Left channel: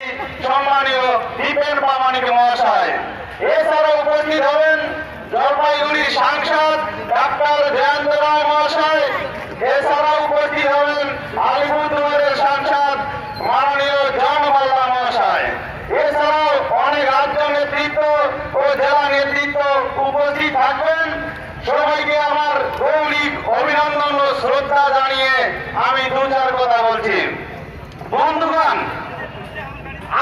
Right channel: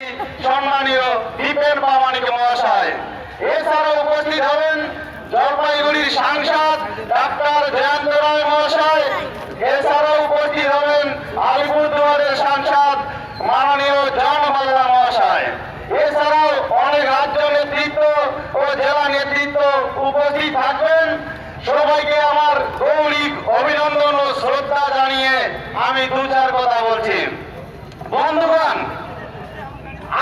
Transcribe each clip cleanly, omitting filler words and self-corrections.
সম্মানীয় দীপেন প্রামাণিক মহাশয়। এছাড়াও উপস্থিত হবেন জলপাইগুড়ির সাংসদ ডাক্তার জয়ন্ত রায় মহাশয়। এছাড়াও উপস্থিত হবেন আলিপুরদুয়ারের সাংসদ মাননীয় জন মাল্লা মহাশয়। এছাড়াও অনেক রাজ্য নেতৃত্ব ও জেলা নেতৃত্ব উপস্থিত থাকবেন। সবাইকে আমার গৌরব অভিনন্দন ও শ্রদ্ধা জানিয়ে আমি দু চার কথা বলছি। বন্ধুগণ,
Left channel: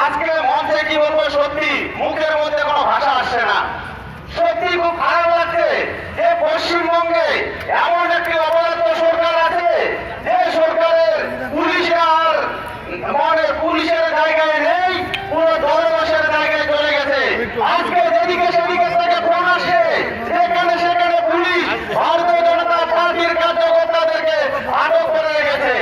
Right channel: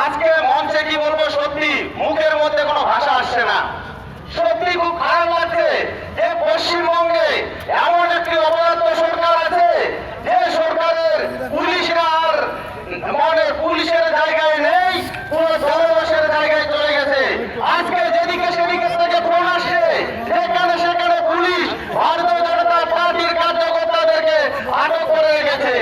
আজকে মঞ্চে কি বলবো, সত্যি মুখের মধ্যে কোনো ভাষা আসছে না। সত্যি খুব খারাপ লাগছে যে পশ্চিমবঙ্গে এমন একটি অপরাধ সরকার আছে যে সরকারের পুলিশে আর পুলিশের জায়গায় নেই, পুরো দলদাসের জায়গায় চলে গেছে। আজকে যেদিকে সেদিকে থেকে ফোন আসে, যেখানে সেখানে পুলিশ ভারতীয় জনতা পার্টির কার্যকর্তাদেরকে আটক করে রেখেছে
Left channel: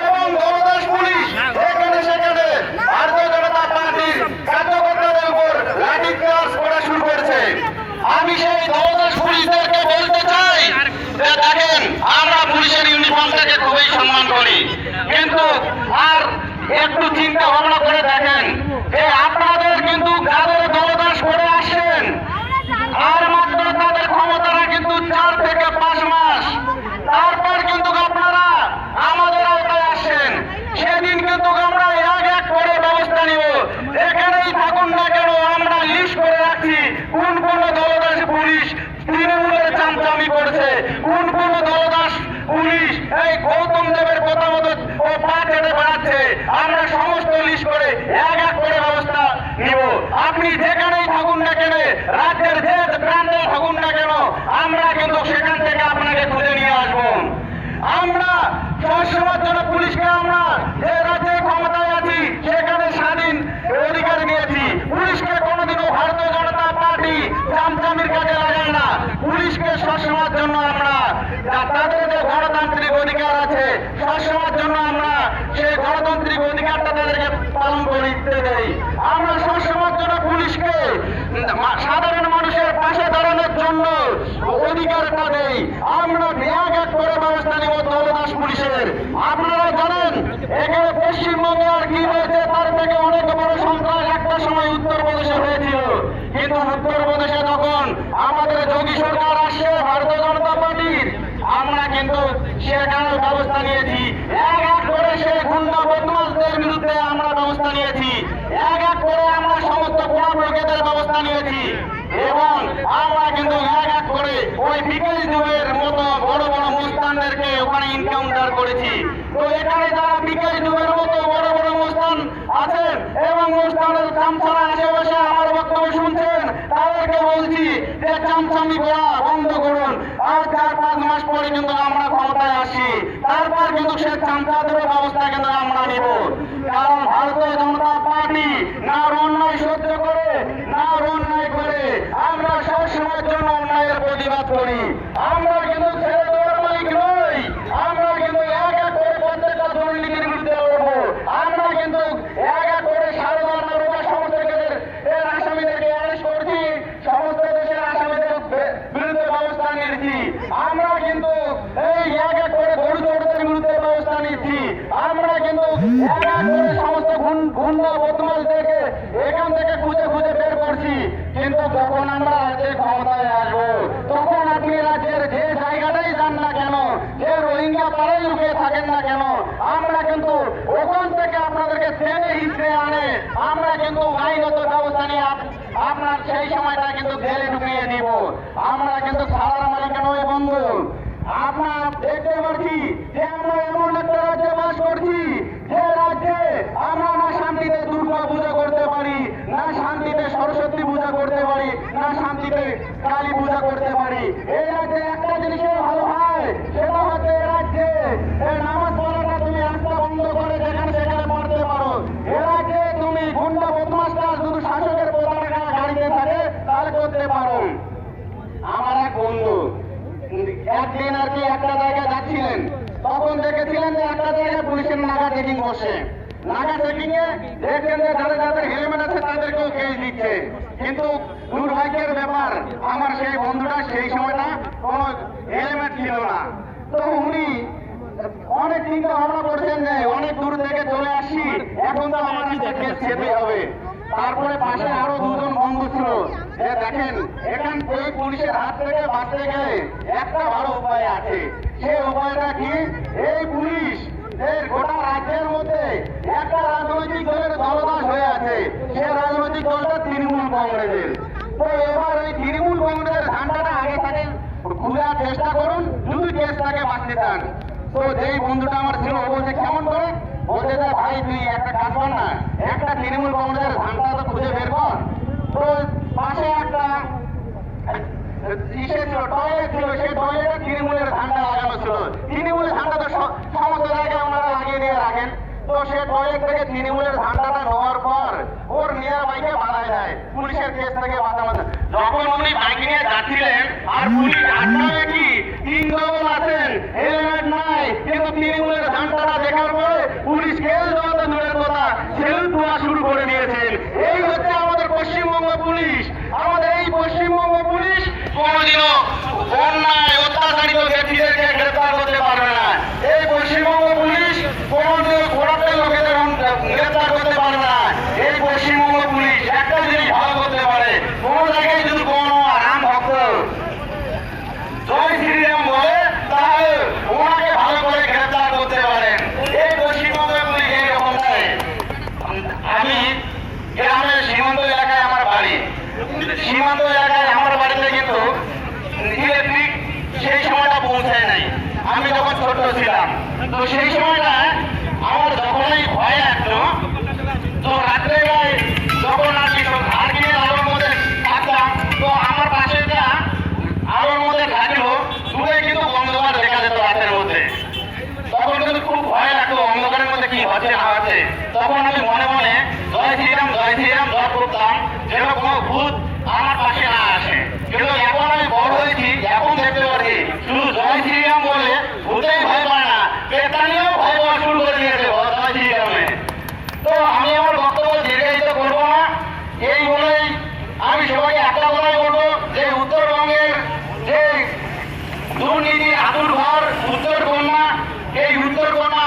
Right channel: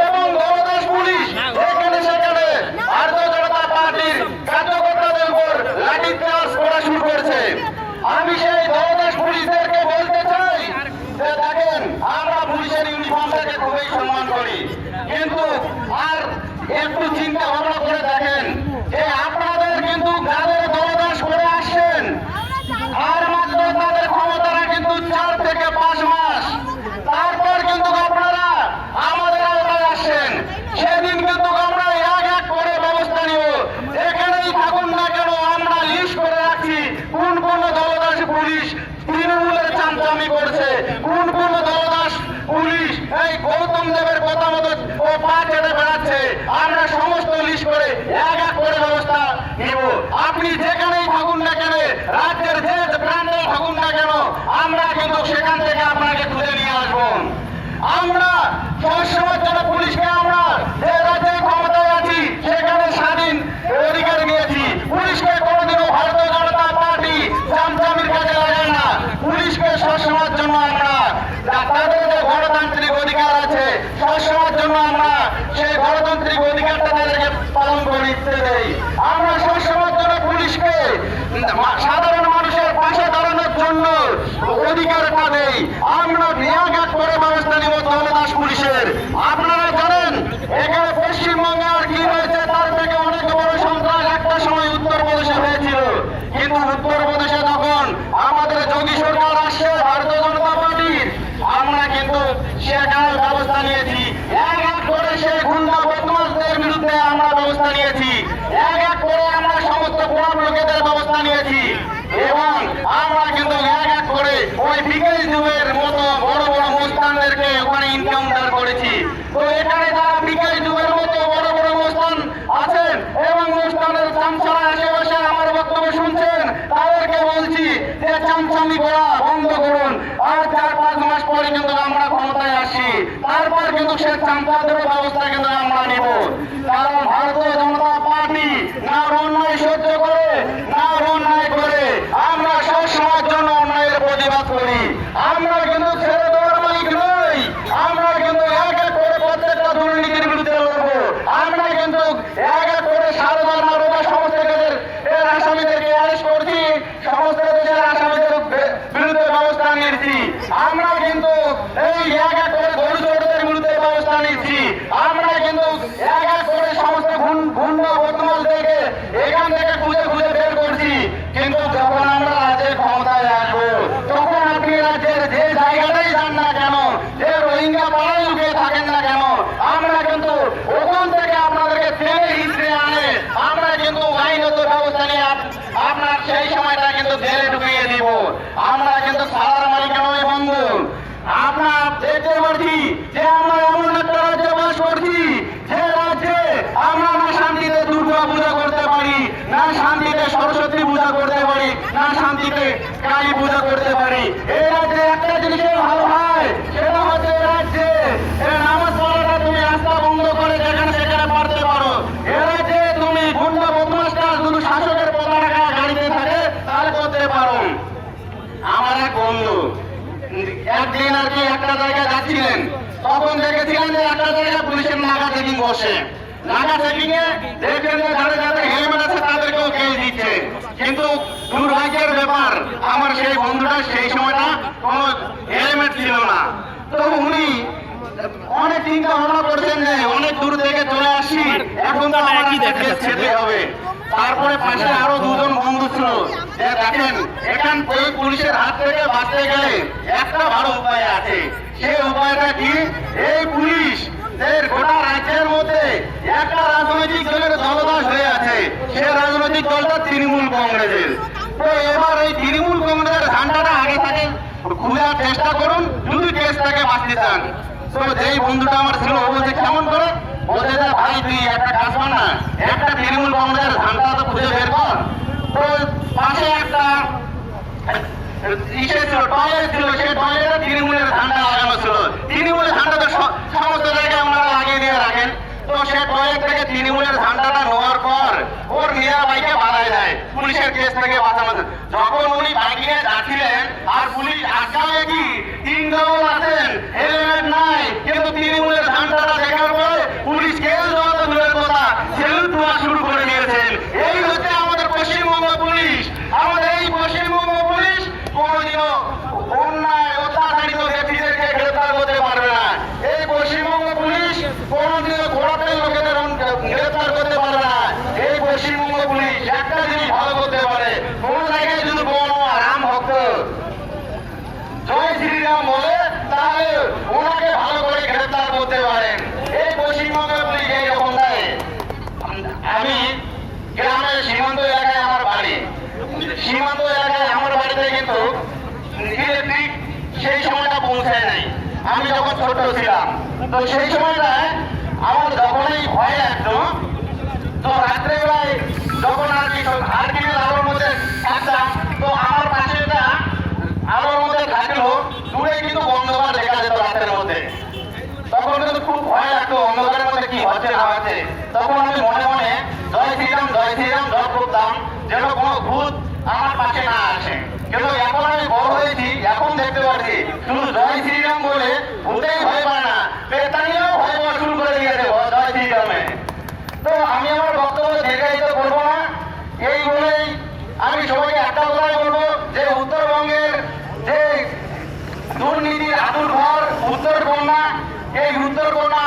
এবং দলদাস পুলিশ যেখানে সেখানে ভারতীয় জনতা পার্টির কার্যকর্তাদের উপর লাঠি চার্জ করা শুরু করেছে। আমি সেই দলদাস পুলিশদেরকে বলতে চাই যে দেখেন, আমরা পুলিশের ইউনিফর্মটাকে খুবই সম্মান করি, কিন্তু আর একটু চিন্তা ভাবনা করে দেখেন যে আপনাদের কিন্তু যাদের দলদাস করে আসেন আর মাত্র তাদের ক্ষমতারা কিন্তু 4 থেকে 5 মাস, তারপর কিন্তু আপনারা আমাদের আওতায় আসেন। সেদিন কিন্তু আমরা এক এক করে ব্যবস্থা নিব। যেখানেই থাকুন না কেন আমরা লিস্ট করে রাখছি কোন কোন দলদাস পুলিশ তৃণমূলের চামচামি করছে, কোন কোন দলদাস পুলিশ এই গৌতম দেবের কথা মতো ও পা চেটে বেড়াচ্ছে। আমরা সমস্ত লিস্ট করে এক এক করে ব্যবস্থা নিব। আপনি যেখানেই থাকুন না কেন, রাজ্যের যে প্রান্তে থাকুন না কেন, আমরা কিন্তু সেখান থেকে আপনাকে খুঁজে নিয়ে আসবো। আমরা সবসময়ের জন্য পুলিশকে আমরা যে রাজ্যে ক্ষমতায় আছি সেখানে স্বাধীন অধিকার নিয়েছি। পুলিশকে কোনোদিনও ভারতীয় জনতা পার্টি চামচামির কাজে লাগায় না। পুলিশকে সবসময়ের জন্য আমরা তাদের যে গণতান্ত্রিক অধিকার আছে সবসময়ের জন্য আমরা সেই গণতান্ত্রিক অধিকারটা তাদেরকে পালন করে দিতে দেই। আমরা সবসময়ের জন্য পুলিশকে সাধারণ মানুষের পাশে দাঁড়ানোর জন্য অধিকারটা দেই। আমরা নিয়াঘাত করে ব্যবস্থা নিব দলদাস পুলিশের। আপনারা জানেন এখানে পশ্চিমবঙ্গে আর কি হয়েছে, তার থেকে অনেক বড় সন্ত্রাস একটা সময় উত্তরপ্রদেশে হয়েছিল। কিন্তু উত্তরপ্রদেশে যখন আমাদের যোগী সরকার আসছে ভারতীয় জনতা পার্টির, আমরা কিন্তু সেখানে ব্যবস্থা নিয়েছি। এক এক করে সেই গুন্ডা বদমাশদের বিরুদ্ধে আমরা ব্যবস্থা নিয়েছি। এক এক করে আমরা সমস্ত বল প্রকৃতির ব্যবস্থা নিয়েছি এবং আমরা কিন্তু এক এক করে ওই বিকেল যুগের মতো বড় বড় মুস্তানদেরকে ওখানে ইনকাউন্টার করেছি। তো এখানে যারা বিকেল যুগের মতো বড় বড় মুস্তান আছেন এবং মুস্তানের চামচারা আশেপাশে আমার বক্তব্য শুনছেন, তাদেরকে বলছি যে চামচামি করা বন্ধ করুন। আর 4-5 মাস পরে কিন্তু আমরা ক্ষমতায় আসছি, তারপর কিন্তু সে চামচাদের ব্যবস্থা কিন্তু আমরা নিব। কারণ ভারতীয় জনতা পার্টি না অন্যায় সহ্য করে না অন্যায় করে, আমরা সবসময়ের জন্য অন্যায়ের প্রতিবাদ করি। আমরা কিন্তু ছেড়ে দেওয়ার মালিক নই। আমরা কিন্তু এক এক করে প্রত্যেকটা দুর্নীতির বিরুদ্ধে লড়বো। আমরা কিন্তু এক এক করে সারদার নারদা সমস্ত দেশের আসামিদেরকে অ্যারেস্ট করছি, সমস্ত দেশের আসামিদের বিরুদ্ধে ব্যবস্থা নিয়েছি। আমরা কিন্তু এই এক এক করে গরু চোরদের বিরুদ্ধে ব্যবস্থা নিচ্ছি। আমরা কিন্তু এক এক করে সমস্ত গুন্ডা বদমাশদেরকে এখান থেকে খুঁজে খুঁজে বের করছি। কিন্তু যখন আমরা রাজ্যের ক্ষমতায় আসবো তখন আপনি রাজ্যের যে জায়গাটাই যান না কেন, যে রোহিঙ্গা পাড়ায় লুকিয়ে থাকেন না কেন, আমরা কিন্তু ওখান থেকে আপনাদেরকে টেনে হিচড়ে আনে আমরা কিন্তু আইনত ব্যবস্থা নিয়ে আপনার সেই সময়টা কিন্তু জেলে ঢুকিয়ে দিব। আমরা কিন্তু সাধারণ মালিকা নয় বন্ধু। আপনার দেখতে পাচ্ছি যে আমরা এমন একটা রাজ্যে বাস করছি যে রাজ্যে আমরা না শান্তিতে দুর্গা পূজা করতে পারি, না শান্তিতে সরস্বতী পূজা করতে পারি, না শান্তিতে কালী পূজা করতে পারি। এই রাজ্যে একটা জিনিসের ভালো হয়, সেটা হচ্ছে এই রাজ্যে নামাজ পড়াটা তুমি আস্থা বন্ধ করে যেখানে সেখানে পড়তে পারো। এ রাজ্যে তুমি গুন্ডা বদমাশটা শুধু শাসকের পতাকা গাড়িতে থাকে তাহলে করতে পারো। আমার এক বন্ধু একদিন আর কি একটা জায়গায় যাচ্ছিলেন, তখন দেখেছিলেন যে একটা জায়গায় পুলিশের নাগা চেকিং বসে। নাগা চেকিং এ দেখলেন যে যাদের যাদের হেলমেট আছে তাদেরকেও কেস দিচ্ছে। কিন্তু দুর্ভাগ্যের ব্যাপার, আমার সেই বন্ধুটা সেই সময়টা কোনো হেলমেট ছিল না। তো উনি অনেক চিন্তা ভাবনা করছেন যে অনেক দূর থেকে চলে আসি, এখন তো আমার একটা কেস খেতে হবে। তারপরে পাশে আরো দুজন বন্ধু ছিল, যে দেখেন এখান থেকে পুলিশের হাত থেকে বাঁচতে গেলে একটা ভালো উপায় আছে। সেই উপায়টা কি? এই পুলিশ গোটা রাজ্যের মধ্যে একটা রাজনৈতিক দলের দলদাস হয়ে আছে, সে রাজনৈতিক দলটা তৃণমূল কংগ্রেসের। তো এবার এই তৃণমূল কংগ্রেসের ঝান্ডাটা আগে থেকে খোঁজার চেষ্টা করুন যদি কেসটাকে বাঁচতে চান। তো যেই বন্ধুটা আমার ছিল ও বলছে কেমন করে, বলছে যে ভাই তুই একটা কাজ কর না, একটা তৃণমূল কংগ্রেসের ঝান্ডা তো খুঁজে বের কর। তো পাশে একটা ইসে ছিল, টয়লেট ছিল, সেই টয়লেটে তৃণমূলের ঝান্ডা লাগানো ছিল। তৃণমূলের ঝান্ডা তো সমস্ত জায়গায় ওনারা লাগিয়ে দিয়ে রাখেন। তো সে টয়লেট থেকে তৃণমূলের ঝান্ডাটা নেওয়ার পর ওর নিজের বাইকে বাধায় দেয় পুলিশের কেস থেকে বাঁচানো। যখন উনি বাইক নিয়ে যাচ্ছিলেন আর পুলিশ আটকায় কি 3 জন আছেন, হেলমেট নাই, কিন্তু তৃণমূলের ঝান্ডাটা দেখার পরে পুলিশ কেস দেওয়া তো দূরের কথা, সেলুট দেওয়া শুরু করে দিয়েছেন। এই হচ্ছে আমাদের পশ্চিমবঙ্গ পুলিশ। আমাদের এই পশ্চিমবঙ্গ পুলিশ কোনোদিনও অন্যায় অত্যাচারিত ব্যক্তিদেরকে গ্রেফতার করতে পারবে না। এই পশ্চিমবঙ্গ পুলিশ কোনোদিনও কোনোটাই লোকেদের গ্রেফতার করতে পারবে না। এই পশ্চিমবঙ্গ পুলিশ একটা জিনিস ভালো করতে পারে, কোন জায়গায় যদি কোনো রাম ভক্ত জয় শ্রীরাম বলে তাহলে ওনাকে ভালো করে গ্রেফতার করতে পারেন। এই পশ্চিমবঙ্গ পুলিশ এইরকম দেয়। আমি গ্রামের সীমান্ত এলাকায় আমার বাড়ি, সীমান্ত এলাকায় আমার বাড়িতে কিন্তু ইলেকট্রিক সেই সময়টা পৌঁছায় নাই। আমি যখন ছোট ছিলাম, তো সেই সময়টা আমার যখনই ভয় লাগতো, তো রাত্রেবেলায় যখন আর কি ধার কিনে আলোর মধ্যে থাকতাম, তো আমার পাশে একটা আলোর মধ্যে থাকলেও দূরে কিন্তু অন্ধকার দেখা যেত রাতের মধ্যে। তখন কিন্তু খুব ভয় লাগতো অন্ধকারের মধ্যে কি হচ্ছে না হচ্ছে। তখন আমি মনে মনে জয় শ্রীরাম জয় করতাম, যেন কোনো ভূত আমার পাশে না আসে। কিন্তু এখন আমি বড় হয়েছি, এখন দেখতে পাচ্ছি শুধু জয় শ্রীরাম বলে ভূতেই ভয় পায় না, পেতানিও ভয় পাওয়া শুরু করে দিয়েছে জয় শ্রীরামে। তো আমি আমার বক্তব্য দীর্ঘায়িত করবো না, এই বলেই আমি সবাইকে একটা কথাই বলবো যে উত্তরবঙ্গের যে দুর্নীতির আতুর ঘর উত্তর কন্যা, এই উত্তর কন্যা